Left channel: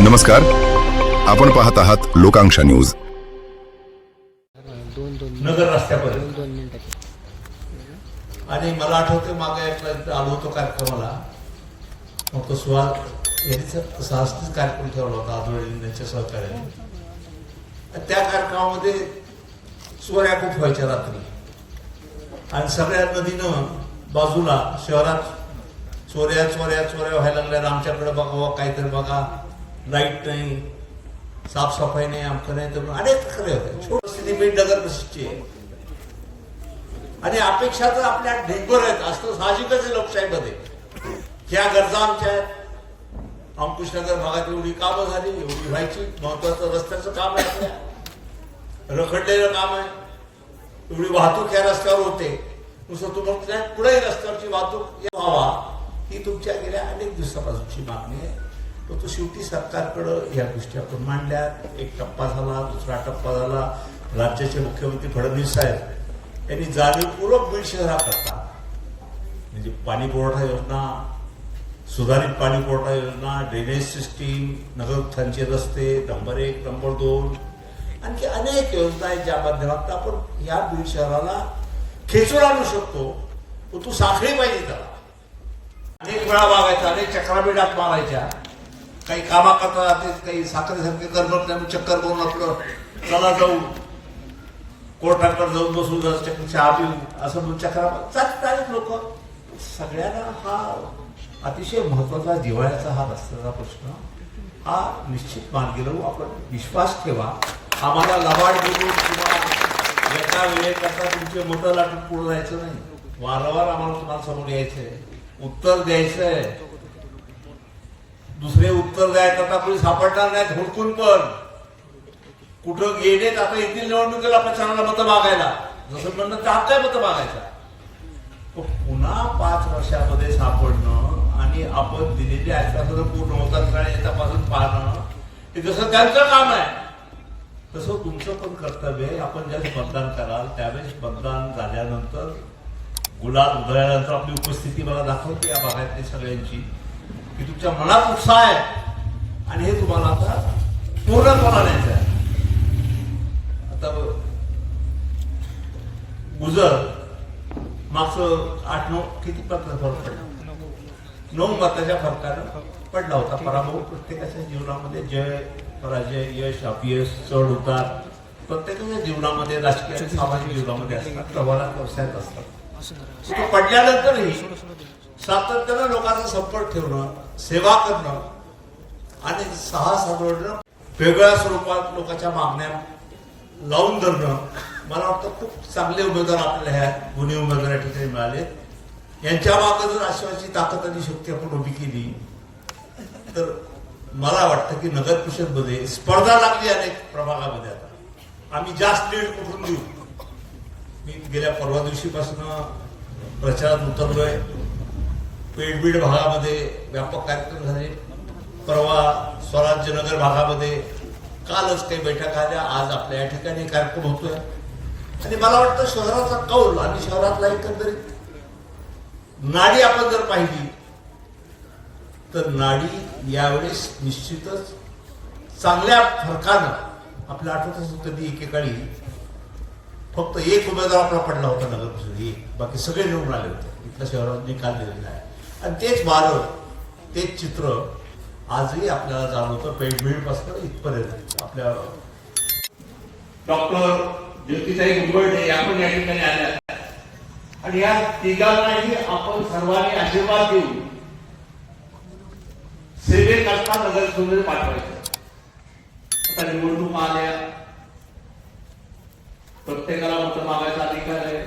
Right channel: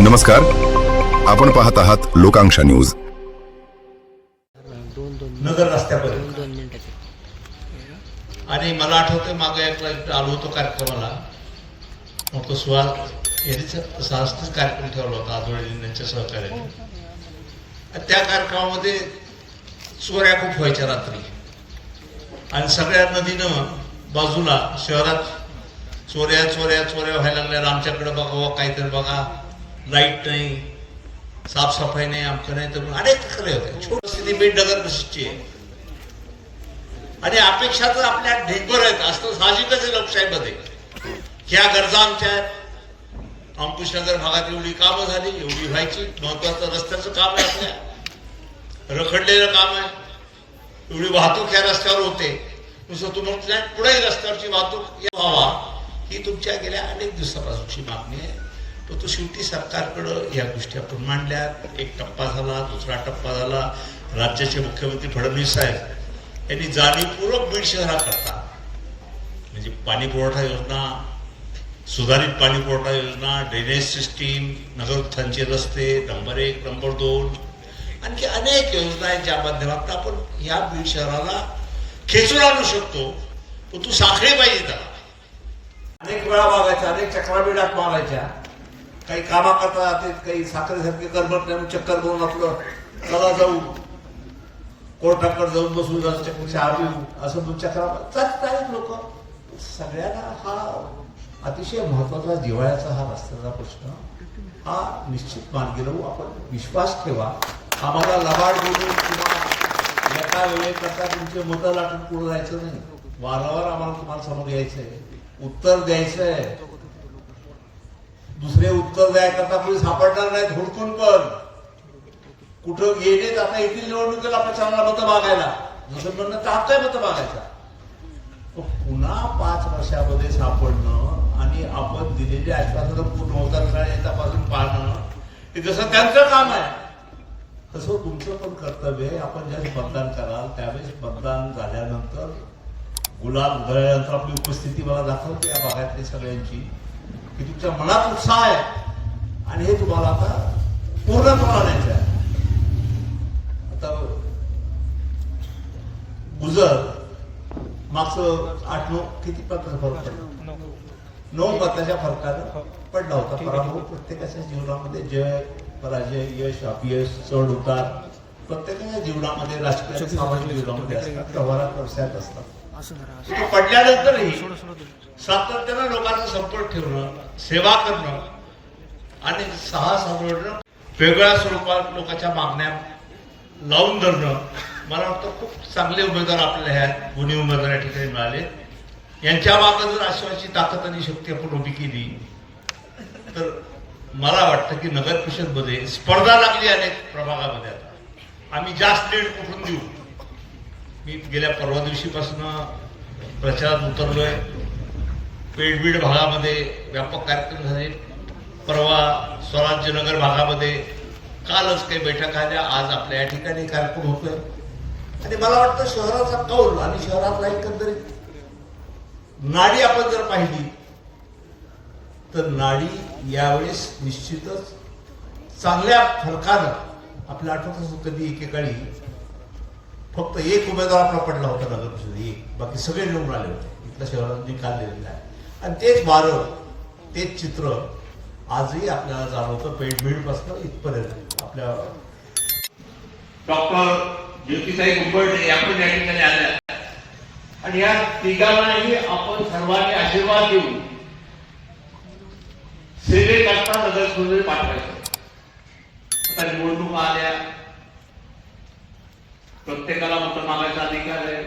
नमस्कार, आपण पाहत आहात लोकांक्षा न्यूज. नगर रस्त्यापर्यंत आणि मला आठवतं मागे एक आलो होतो कार्यक्रमाला, मग तो सहस्त्र कार्यक्रम ठेवला होता आजोळींच्या सहकार्याने. त्या कार्यक्रमामध्ये चोऱ्या खूप व्हायच्या रात्री आणि सगळ्या नदीनं बाजूला शहरात चोऱ्या चोऱ्या चोऱ्या व्हायला लागल्या. आमच्याकडे बघा काहीतरी बघा, लाईट नाही, साफसफाई नाही, आमचं नाही, तर अनेक तक्रारी होत्या. छोटी बीड नगर प्रसिद्धीची आहे आणि अपेक्षा तर आपल्या ढेकभर आहेत, असतं साहजिकच आहे लोकशाहीमध्ये. ह्या गरजा आमच्या आहेत. अंकुशनगर भागात एवढी कामं झाली, एवढी व्हायची. महत्वाचं रस्त्याचं काम आहे, आपल्या रखडलेलं काम आहे. एवढी वाहतूक या रस्त्यावर होते. नुसतं तुम्हाला पुढे रस्त्यावरची वाहतूक व्हावा ही तुमच्या गेल्या अनेक दिवसापासूनची मागणी आहे. तो शेवटी सरकारकडं या गोष्टी आपण मांडल्या. एक टप्पा झाला, दुसरा टप्पा झाला. राज्याचे मुख्यमंत्री फडणवीस साहेब यांनी जाणीवपूर्वक बीड शहराकरता म्हणजे पाणी पुरवठा योजना, सुधारित पाणी पुरवठा योजना, ड्रेनेज सिस्टीम, नगर उत्थानचे रस्ते, नंबर 1, नंबर 2, आणखी अनेक योजना आहेत ज्या माध्यमातून आपण या बीड शहराला खेचून आणू शकतो. तू साखळी पाहिजे त्याला. अनेक वेळा वागायचा, अनेक चक्राबीडात मारायच्या. काही कामा करता जाते, काही साखरेसारखे करमत नाही, चक्कर करून आपलं चला जाऊ कोर्टाकडे जाऊन बसू, चहा पिऊ, असं दोन चक्रा जातात लोक. सगळ्यांना हा अतिशय महत्वाचा जिव्हाळ्याचा हा रस्त्याचा प्रश्न हा निश्चित मार्गी लावू. आपण विश्वास ठेवा. आम्हाला लबाड बोलून किंवा एका वेळेकरता तुमचे मतं लाटून पुढे जायचं नाही. वारंवार आम्हाला तुम्हाला समोर यायचंय, उत्तर द्यायचंय. दुसरे उत्तर द्यायकरता कोणी सापडणार नाहीत. हुडकून पण कुठं गेलेत. आता येथील निवडणुकीला प्रचाराला मतं मागायला, जसं म्हणणं तर काय मतं मागायचा. पुन्हा 5 वर्षामध्ये सापडणं आणि आपण दिलेली आश्वासनं पूर्ण होतात का याच्यापासून पाहणं हे जसं त्यांचं काम आहे तसं तुमचं पण कर्तव्य आहे. आपण ज्यावेळेस मतदान कराल त्यावेळेस मतदान झाल्यानंतर गुलाल उधळल्यानंतर आपली उपस्थिती मला दाखवते या भागातली सगळ्यांची की तुमच्या मनात उत्साह आहे आणि हे तुम्हाला आता पूर्णत्वाला आणायचं आहे. आता गुजर मागचं 8-9 किती फरक पडला, 9 मताच्या फरकानं पडला होता. पराभव प्रत्येकाच्या जीवनामध्ये जय पराजय, यश अपयश, चढ उतार प्रत्येकाच्या जीवनामध्ये, राजकीय सामाजिक जीवनामध्ये असतात, व्यवहारात व्यवसायात असतात. तो पडल्यानंतरही सातत्यानं लोकांचा संपर्क ठेवणं, सेवा करणं आणि साधणं, वेगळ्या स्वरूपात लोकांच्या मागण्या लावून धरणं. मला वाटतं खूप चांगले उमेदवार आपल्याला ह्या गुणी उमेदवार या ठिकाणी मिळाले. यांच्या मागे जर आश्वाची ताकद आणि शक्ती आपण उभी केली तर मला वाटतं की नगर परिषदमध्ये स्पर्धा लागली अनेक प्रभागामध्ये. आता आम्ही जास्त लीड कुठून देऊ. मी गेल्या परवा दिवशीपासून प्रचारात उतरलोय. पेडबीड भागामध्ये व्यापक कार्यक्रम झाले. परवा स्वराज्यनगर भागामध्ये कालच काही बैठक झाल्या. आज आपल्या या ठिकाणी कार्यक्रम होतोय आणि मला वाटतं शहराचा कौल आणि शहरातला एकंदरीत नाडी आपण जर पाहिली तर नाडी यावेळेस निश्चितच चांगल्या फरकानं. आपल्या आठवत कधी एकेकाळी फक्त एक उमेदवार आपला पडला होता नगर परिषद, एक, बाकी सगळे निवडून आले होते. इथल्या शहरात निकाल दिलेला आहे आणि तेच वारं, तेच चित्र आजही आपल्याला जाणवतं. पेडबीड पासून इथपर्यंत आपल्या डॉक्टर ज्योतिताई कुंभर्डे आपण या ठिकाणी आल्या आणि या तिघांनाही आपण सर्वांनी आशीर्वाद देऊ सेवेकरता नगर परिषदेत पाठवायचं. आता निवडणूक आल्या, प्रत्येकाला मतं मागायचा अधिकार आहे.